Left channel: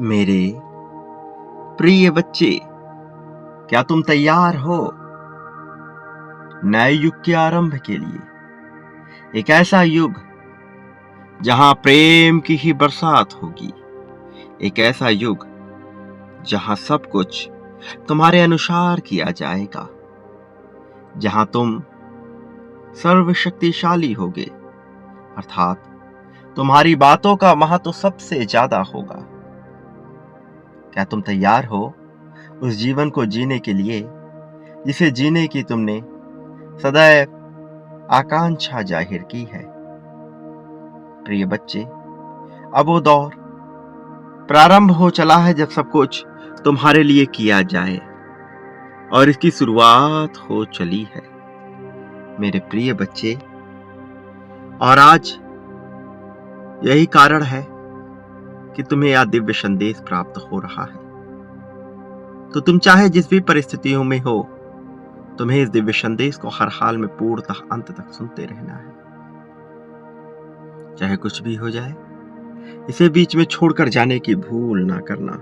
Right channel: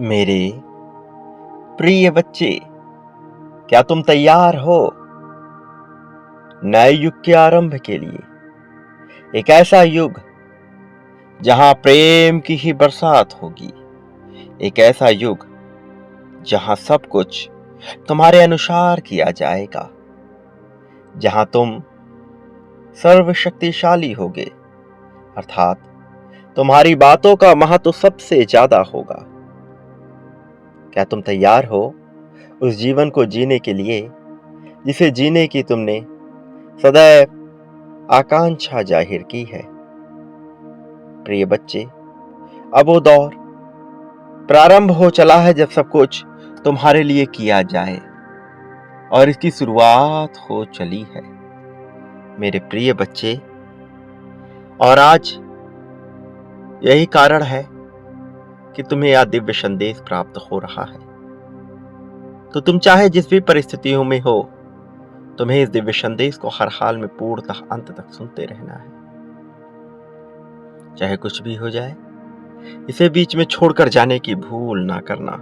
मेरे प्रिय बच्चे, क्या तुम तैयार हो नए युग के आरंभ के लिए? एक ऐसा युग जहां प्रेम की ही बरसात होगी। एक ऐसा युग जहां सब कुछ तुम्हारे अनुसार किया जाएगा। जहां तुम सर्वशक्तिशाली होगे, अर्थात तुम्हारी बातों का महत्व सबसे ज्यादा होगा। क्या तुम तैयार हो उस जीवन को जीने के लिए जिसे जीने की तुमने सदैव आकांक्षा जाहिर की है? प्रिय बच्चे, अब वो दौर प्रारंभ हो चला है जब सब कुछ तुम्हारे लिए किया जाए, और इसकी शुरुआत हो चली है मेरे प्रिय बच्चे। और आज यही कारण है कि तुम्हें यह दिव्य संदेश प्राप्त हो रहा है। तो तुम चाहे जिस भी परिस्थितियों में हो, तुम्हें इस दिव्य संदेश को हर हाल में पूर्णतः अंत तक सुनते रहना है। चाहे कुछ भी हो जाए, इसे बीच में छोड़कर जाने की भूल ना करना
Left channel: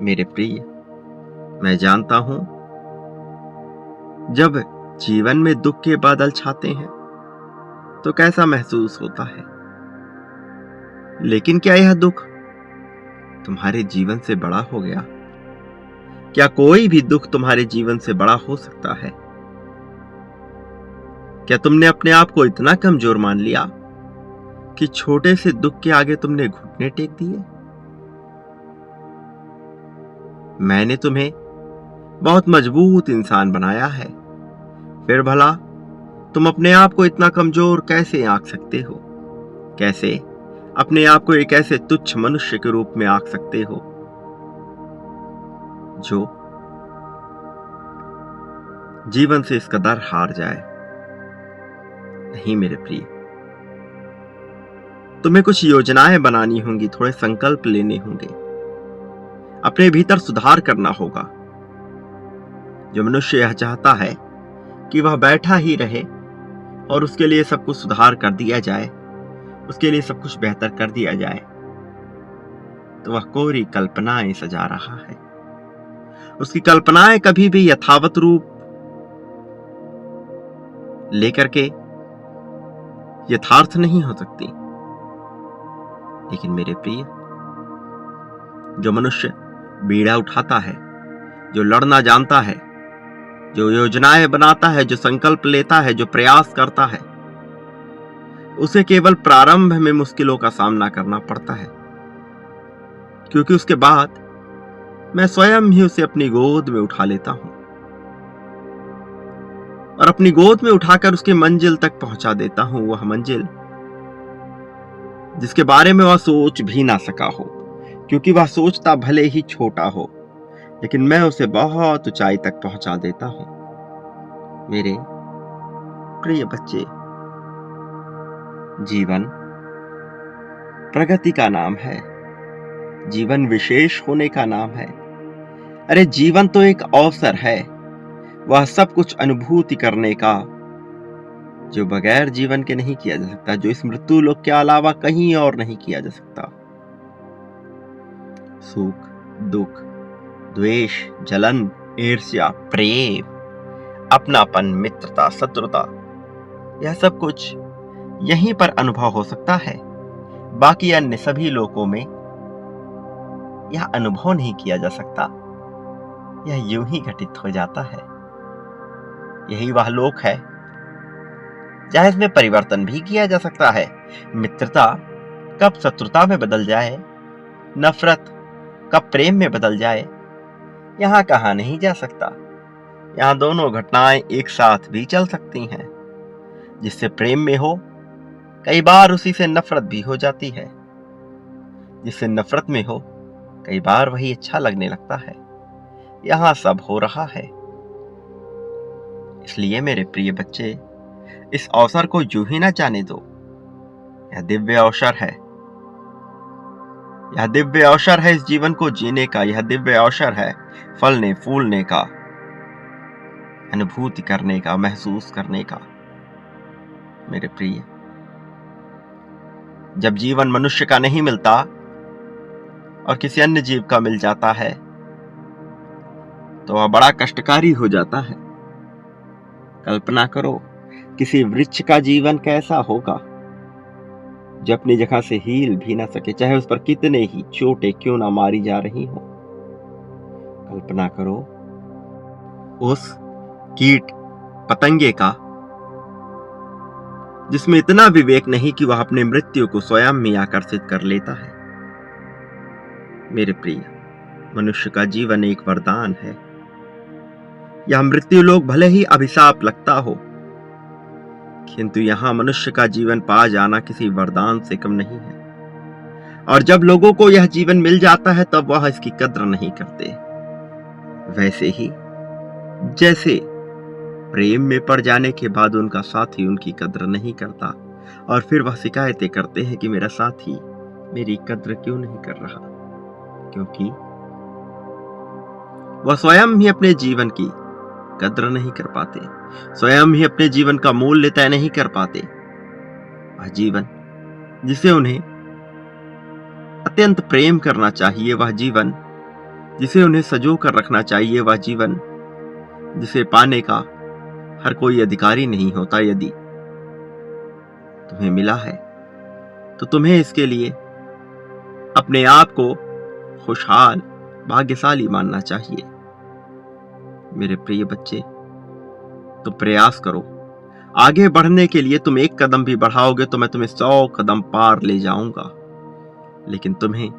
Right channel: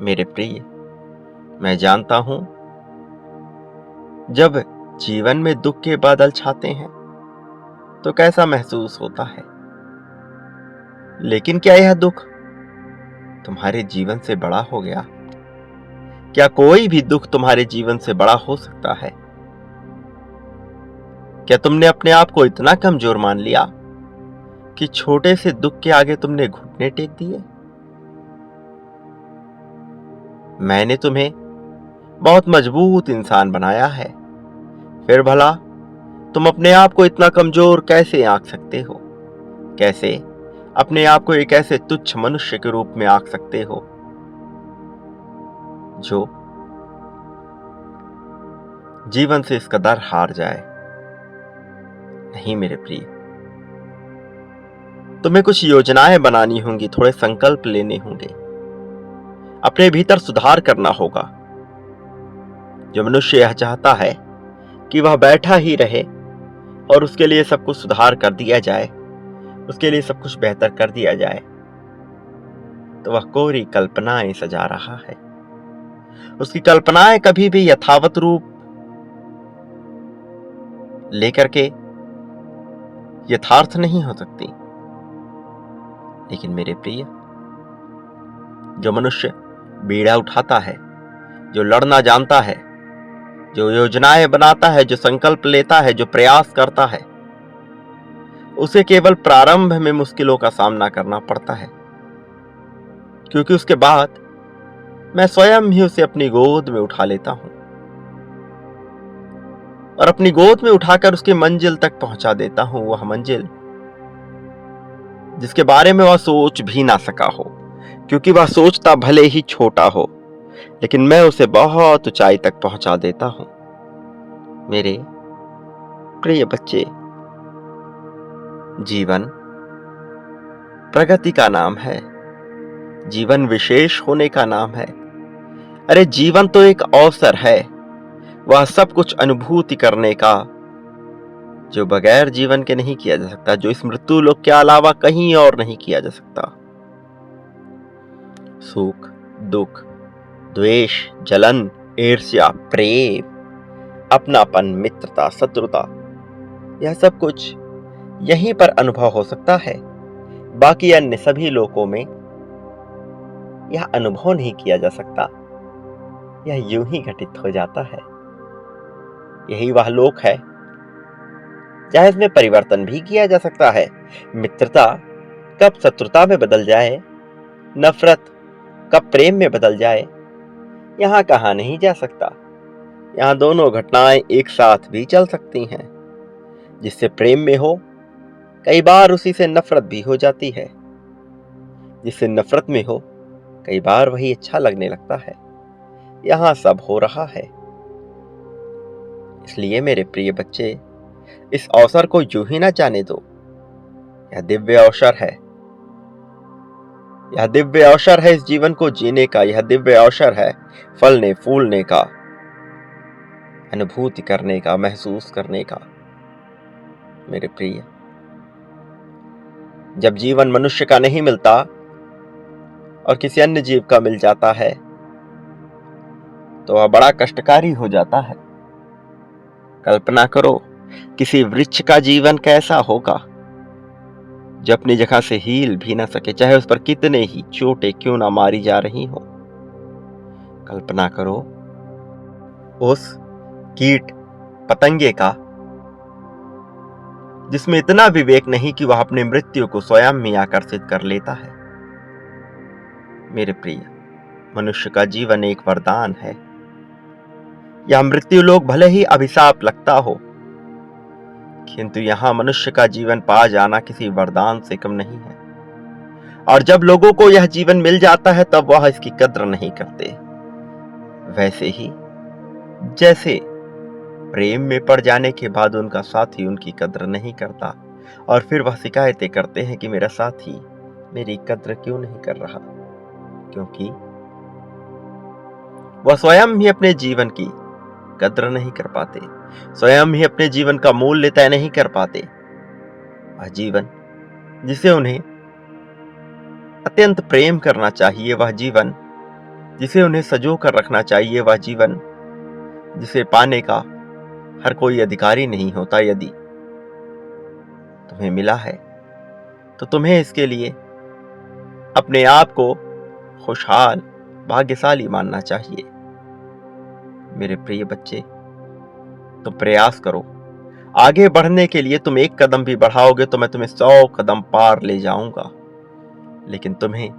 मेरे प्रिय। मैं जानता हूं, जब जीवन में दुख के बादल छाते हैं तो कैसा महसूस होता है, लेकिन क्या यह दुख तुम्हारे जीवन से बड़ा हो गया? क्या कोई भी दुख तुम्हारे जीवन से बड़ा हो सकता है? क्या तुमने अपने आप को इतना कमजोर मान लिया कि छोटे से दुख के आगे तुमने घुटने टेक दिए? मैंने तुम्हें बहुत मजबूत इंसान बनाया है, फिर भला तुम अपने आप को इतना कमजोर कैसे आंक सकते हो? कैसे अपने आप को एक ऐसे तुच्छ मनुष्य के रूप में आंक सकते हो जो जीवन से इसका डर हार जाए? नहीं मेरे प्रिय, तुम्हें कुछ योजनाएं बनानी होंगी, थोड़े संकल्प लेने होंगे, अपने भीतर सुधार करना होगा। जो मनुष्य यह चाहता है कि वह बैठा ही रहे और उसके लिए सब कुछ सुधार कर दिया जाए, उसके लिए सब कुछ बेहतर कर दिया जाए, तो वह कोरी कल्पनाएं सजा रहा है। उसकी कल्पनाएं कभी भी यथावत रूप लेकर के यथार्थ नहीं हो सकती। लेकिन मेरे प्रिय, जो मनुष्य बीड़ा उठाता है, जो लड़ना जानता है, जो योजनाएं बनाता है, जो संकल्प लेता है, जो प्रयास करता है, उसे केवल प्रारंभ में मुश्किलों का सामना करना पड़ता है, क्योंकि उसके बाद मैं स्वयं ही उसे अपनी गोद में उठा लेता हूं और अपनी गोद में उठाकर उसकी मंजिल तक पहुंचा देता हूं। वह मंजिल जिसके बारे में वह सोच भी ना सका हो, क्योंकि वह सोचता भले ही छोटा हो, लेकिन मैं उसे बहुत ऊंचाई तक पहुंचा देता हूं। मेरे प्रिय बच्चे, जीवन प्रगति का नाम है, जीवन विशेष होने का नाम है। अरे जीवन तो एक अवसर है, वह सब कुछ अनुभूति करने का जो बगैर जीवन के नहीं किया जा सकता, जो इस मृत्यु लोक के अलावा कहीं और नहीं किया जा सकता। सुख, दुख, द्वेष, जलन, ईर्ष्या, प्रेम, अपनापन, मित्रता, शत्रुता, यह सब कुछ यहीं पर अनुभव हो सकता है। बाकी अन्य सभी लोकों में यह अनुभव नहीं किया जा सकता, यह यूं ही घटित हो जाता है। यही वह लोक है जहां इसमें परिवर्तन भी किया जा सकता है। मित्रता कब शत्रुता में बदल जाए, नफरत कब प्रेम में बदल जाए, यहां कहा नहीं जा सकता। यहां दोनों घटनाएं एक साथ भी चल सकती हैं। जिससे प्रेम में हो, कई बार उसी से नफरत भी हो जाती है। जिससे नफरत में हो, कई बार वही अच्छा लगने लगता है। यहां सब हो रहा है। इसलिए मेरे प्रिय बच्चे, इस अवसर को यूं ही ना जाने दो। यह दिव्य अवसर है, यह दिव्य अवसर है इस जीवन को जीने का। यह दिव्य अवसर है फलने फूलने का, अनुभूति करने का, महसूस करने का। मेरे प्रिय, जब जीवन मनुष्य का नहीं मिलता, और किसी अन्य जीव का मिल जाता है तो वह बड़ा कष्टकारी हो जाता है। कल्पना करो किसी वृक्ष का जीवन कैसा होगा जो अपनी जगह से हिल भी ना सके, चाहे उस पर कितने ही चोटें क्यों ना मारी जा रही हो। कल्पना करो उस कीट पतंगे का जिसमें इतना विवेक नहीं कि वह अपनी मृत्यु को स्वयं ही आकर्षित कर लेता है। मेरे प्रिय, मनुष्य का जीवन एक वरदान है। यह मृत्यु लोक भले ही अभिशाप लगता हो, किंतु यहां मनुष्य का जीवन पा जाना किसी वरदान से कम नहीं है। और जब लोगों को यह जीवन मिल जाता है तब वह इसकी कद्र नहीं करते। वैसे ही जैसे प्रेम में पड़ जाने के बाद उनका साथी उनकी कद्र नहीं करता और फिर वह शिकायतें करते हैं कि मेरा साथी मेरी कद्र क्यों नहीं कर रहा, क्योंकि वह स्वयं ही अपने जीवन की कद्र नहीं कर पाते, स्वयं ही अपने जीवन का मूल्य तय नहीं कर पाते। वह जीवन जिसे उन्हें अत्यंत प्रेम करना चाहिए, वह जीवन जिसे उन्हें सजो कर रखना चाहिए, वह जीवन जिसे पाने का हर कोई अधिकारी नहीं होता, यदि तुम्हें मिला है तो तुम्हें इसके लिए अपने आप को खुशहाल भाग्यशाली मानना चाहिए। मेरे प्रिय बच्चे, तुम प्रयास करो। आगे बढ़ने के लिए तुम एक कदम भी बढ़ाओगे तो मैं तुम्हें 100 कदम पार ले जाऊंगा, लेकिन तुम्हें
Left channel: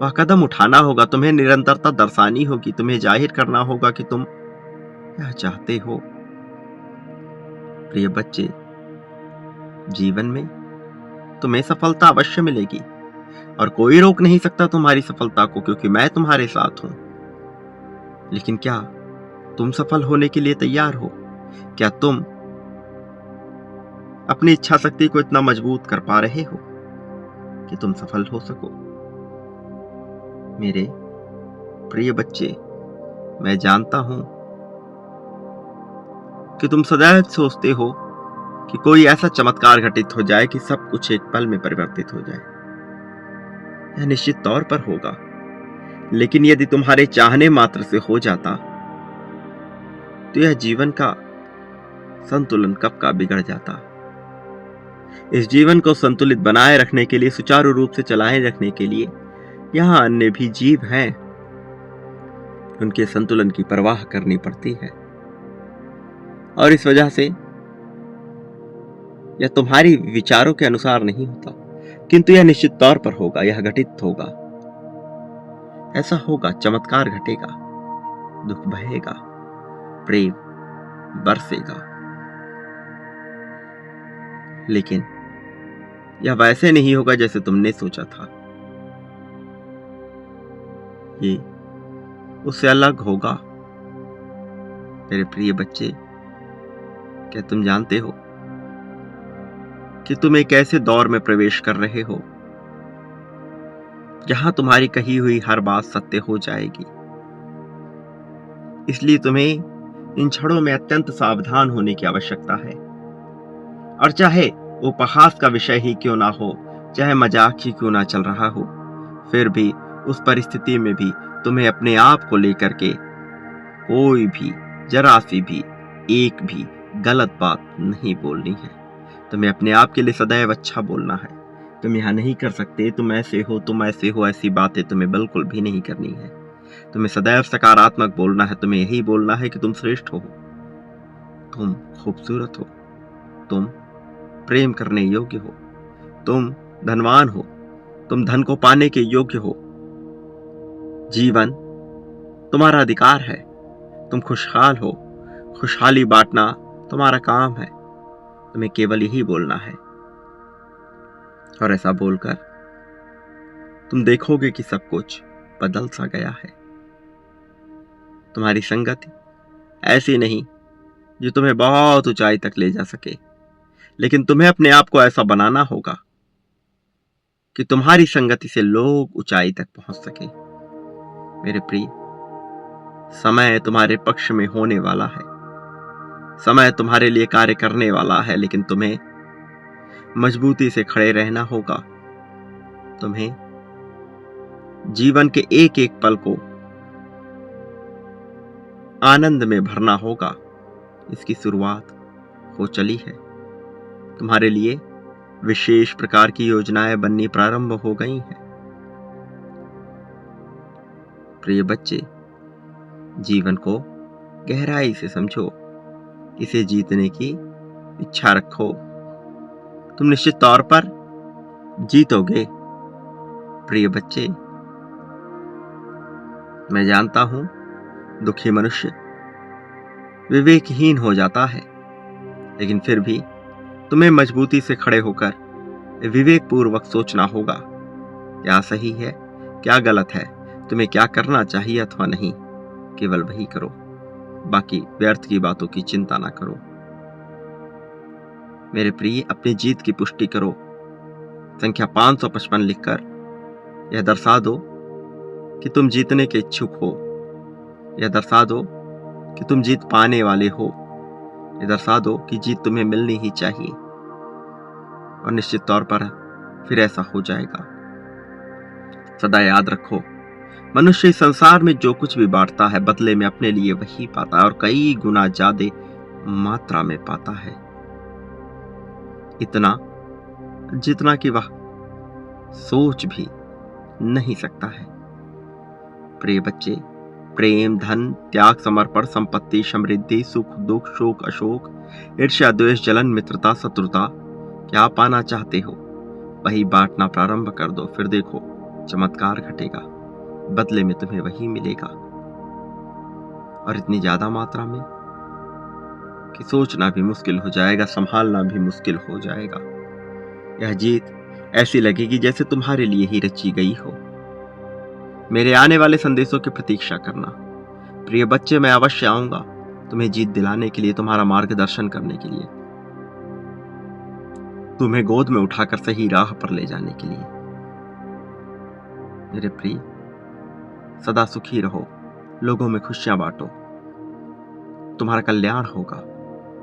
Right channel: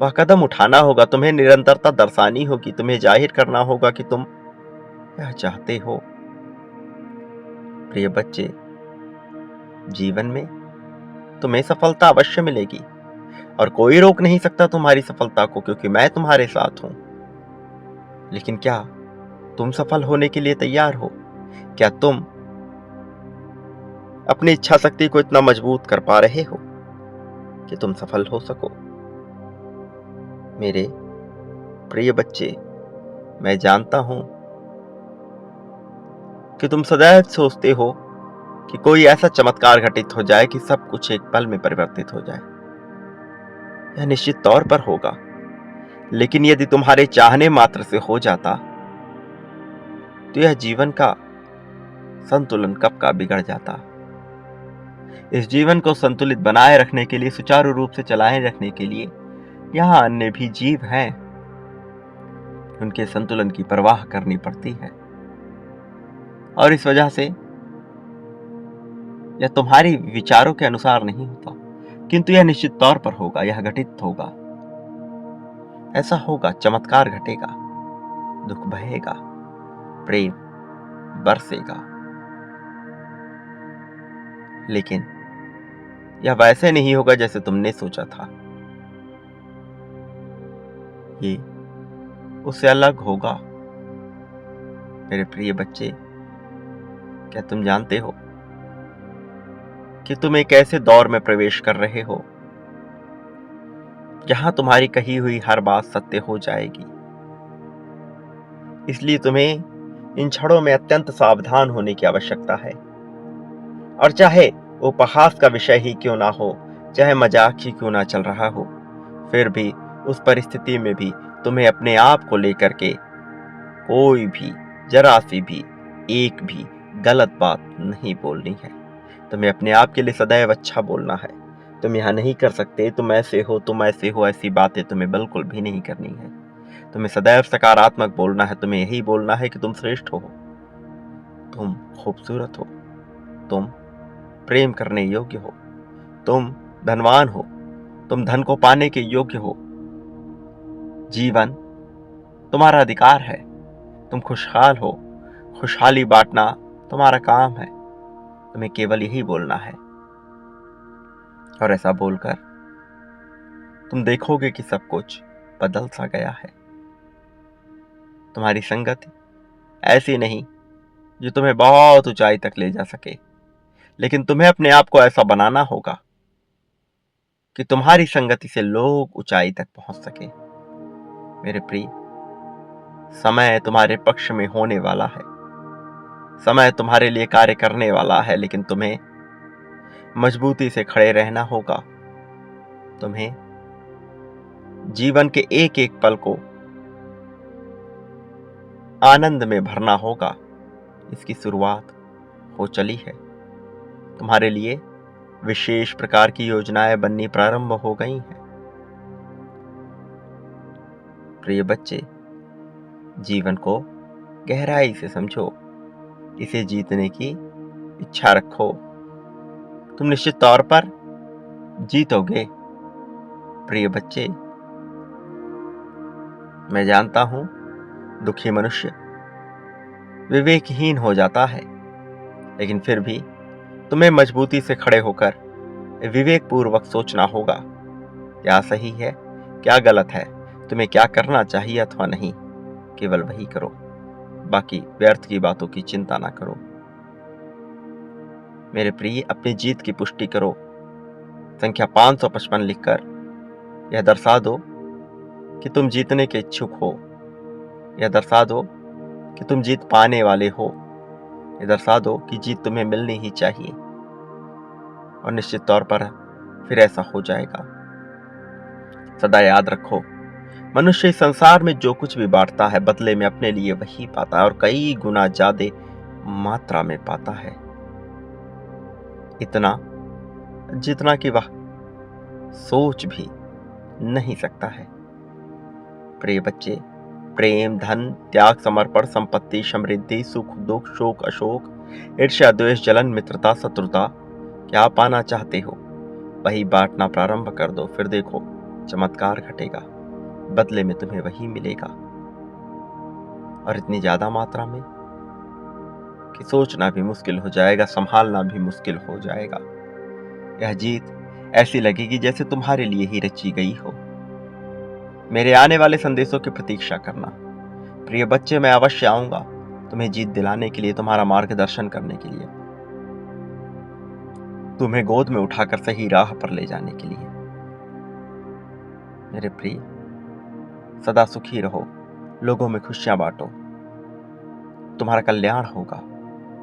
वह कदम उठाना होगा, तुम्हें निरंतरता दर्शानी होगी, तुम्हें जाहिर करना होगा कि तुम यह चाहते हो। प्रिय बच्चे, जीवन में तुम्हें सफलता अवश्य मिलेगी और कोई रोक नहीं सकता तुम्हारी सफलता को, क्योंकि मैं तुम्हारे साथ हूं। लेकिन क्या तुम सफल होने के लिए तैयार हो? क्या तुम अपनी इच्छा शक्ति को इतना मजबूत कर पा रहे हो कि तुम सफल हो सको? मेरे प्रिय बच्चे, मैं जानता हूं कि तुम सदैव सोचते हो कि कोई ऐसा चमत्कार घटित हो जाए कि सब कुछ एक पल में परिवर्तित हो जाए। यह निश्चित तौर पर होगा, लेकिन यदि तुम्हारे चाहने मात्र से हो जाता तो यह जीवन का संतुलन कब का बिगड़ जाता। इस जीवन को संतुलित बनाए रखने के लिए, सुचारू रूप से चलाए रखने के लिए यहां अन्य भी जीव हैं, उनके संतुलन की परवाह करनी पड़ती है। और इस वजह से यह तुम्हारी विचारों के अनुसार नहीं होता, किंतु यह निश्चित तौर पर होगा, यह घटित होगा। ऐसा होगा, चमत्कार घटेगा, दुख बहेगा, प्रेम बरसेगा। लेकिन यह वैसे नहीं होगा जैसे तुमने सोचा था। ये उससे अलग होगा। मेरे प्रिय बच्चे, क्या तुम जानते हो कि तुम एक ऐसे दौर में प्रवेश कर रहे हो जहां तुम्हारी कही हुई हर बात सत्य हो जाएगी। इसलिए तुम्हें इन क्षणों में अत्यंत सावधान होने की आवश्यकता है। और चाहे उपहास का विषय ही क्यों ना हो, चाहे मजाक ही क्यों ना चल रहा हो, फिर भी उस परिस्थिति में भी तुम्हें अपने आप को लेकर के कोई भी जरा सी भी एक भी गलत बात नहीं बोलनी है। तुम्हें अपने आप के लिए सदैव अच्छा बोलना है। तुम यहां नहीं कर सकते, तुम ऐसे हो, ऐसी बातें तुम्हें बिल्कुल भी नहीं करनी है। तुम्हें सदैव सकारात्मक बोलना है। तुम्हें यही बोलना है कि तुम श्रेष्ठ हो, तुम खूबसूरत हो, तुम प्रेम करने योग्य हो, तुम धनवान हो, तुम धन को पाने के योग्य हो। जीवन तुम्हारा अधिकार है, तुम खुशहाल हो, खुशहाली बांटना तुम्हारा काम है। तुम्हें केवल यही बोलना है। और ऐसा बोलकर तुम देखोगे कि सब कुछ बदल सा गया है। तुम्हारी संगति ऐसी नहीं जो तुम्हें बहुत ऊंचाई तक ले जा सके, लेकिन तुम्हें अपने आप को ऐसा बनाना होगा कि तुम्हारी संगति से लोग ऊंचाई तक पहुंच सके। मेरे प्रिय, समय तुम्हारे पक्ष में होने वाला है, समय तुम्हारे लिए कार्य करने वाला है, लेकिन तुम्हें मजबूती से खड़े रहना होगा। तुम्हें जीवन के एक एक पल को आनंद में भरना होगा, इसकी शुरुआत हो चली है। तुम्हारे लिए विशेष प्रकार की योजनाएं बननी प्रारंभ हो गई हैं। प्रिय बच्चे, जीवन को गहराई से समझो, इसे जीतने की इच्छा रखो। तुम निश्चित तौर पर जीतोगे। प्रिय बच्चे, मैं जानता हूं दुखी मनुष्य विवेकहीन हो जाता है, लेकिन फिर भी तुम्हें मजबूती से खड़े होकर विवेक पूर्वक सोचना होगा, क्या सही है, क्या गलत है, तुम्हें क्या करना चाहिए अथवा नहीं। केवल वही करो, बाकी व्यर्थ की बातों की चिंता ना करो। मेरे प्रिय, अपनी जीत की पुष्टि करो। संख्या 555 लिखकर यह दर्शा दो कि तुम जीतने के इच्छुक हो। यह दर्शा दो कि तुम जीत पाने वाले हो। यह दर्शा दो कि जीत तुम्हें मिलनी ही चाहिए, और निश्चित तौर पर फिर ऐसा हो जाएगा। सदा याद रखो, मनुष्य इस संसार में जो कुछ भी बांटता है, बदले में अपने लिए वही पाता है, और कई गुना ज्यादा मात्रा में पाता है। इतना जितना कि वह सोच भी नहीं सकता है। प्रिय बच्चे, प्रेम, धन, त्याग, समर्पण, संपत्ति, समृद्धि, सुख, दुख, शोक, अशोक, ईर्ष्या, द्वेष, जलन, मित्रता, शत्रुता, क्या पाना चाहते हो वही बांटना प्रारंभ कर दो। फिर देखो चमत्कार घटेगा, बदले में तुम्हें वही मिलेगा, और इतनी ज्यादा मात्रा में कि सोचना भी मुश्किल हो जाएगा, संभालना भी मुश्किल हो जाएगा। यह जीत ऐसी लगेगी जैसे तुम्हारे लिए ही रची गई हो। मेरे आने वाले संदेशों की प्रतीक्षा करना। प्रिय बच्चे, मैं अवश्य आऊंगा तुम्हें जीत दिलाने के लिए, तुम्हारा मार्गदर्शन करने के लिए, तुम्हें गोद में उठाकर सही राह पर ले जाने के लिए। मेरे प्रिय, सदा सुखी रहो, लोगों में खुशियां बांटो, तुम्हारा कल्याण होगा।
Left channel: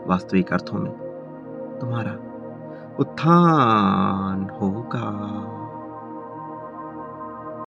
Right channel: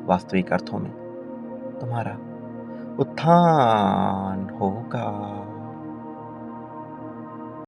वास्तविक अर्थों में तुम्हारा उत्थान होगा।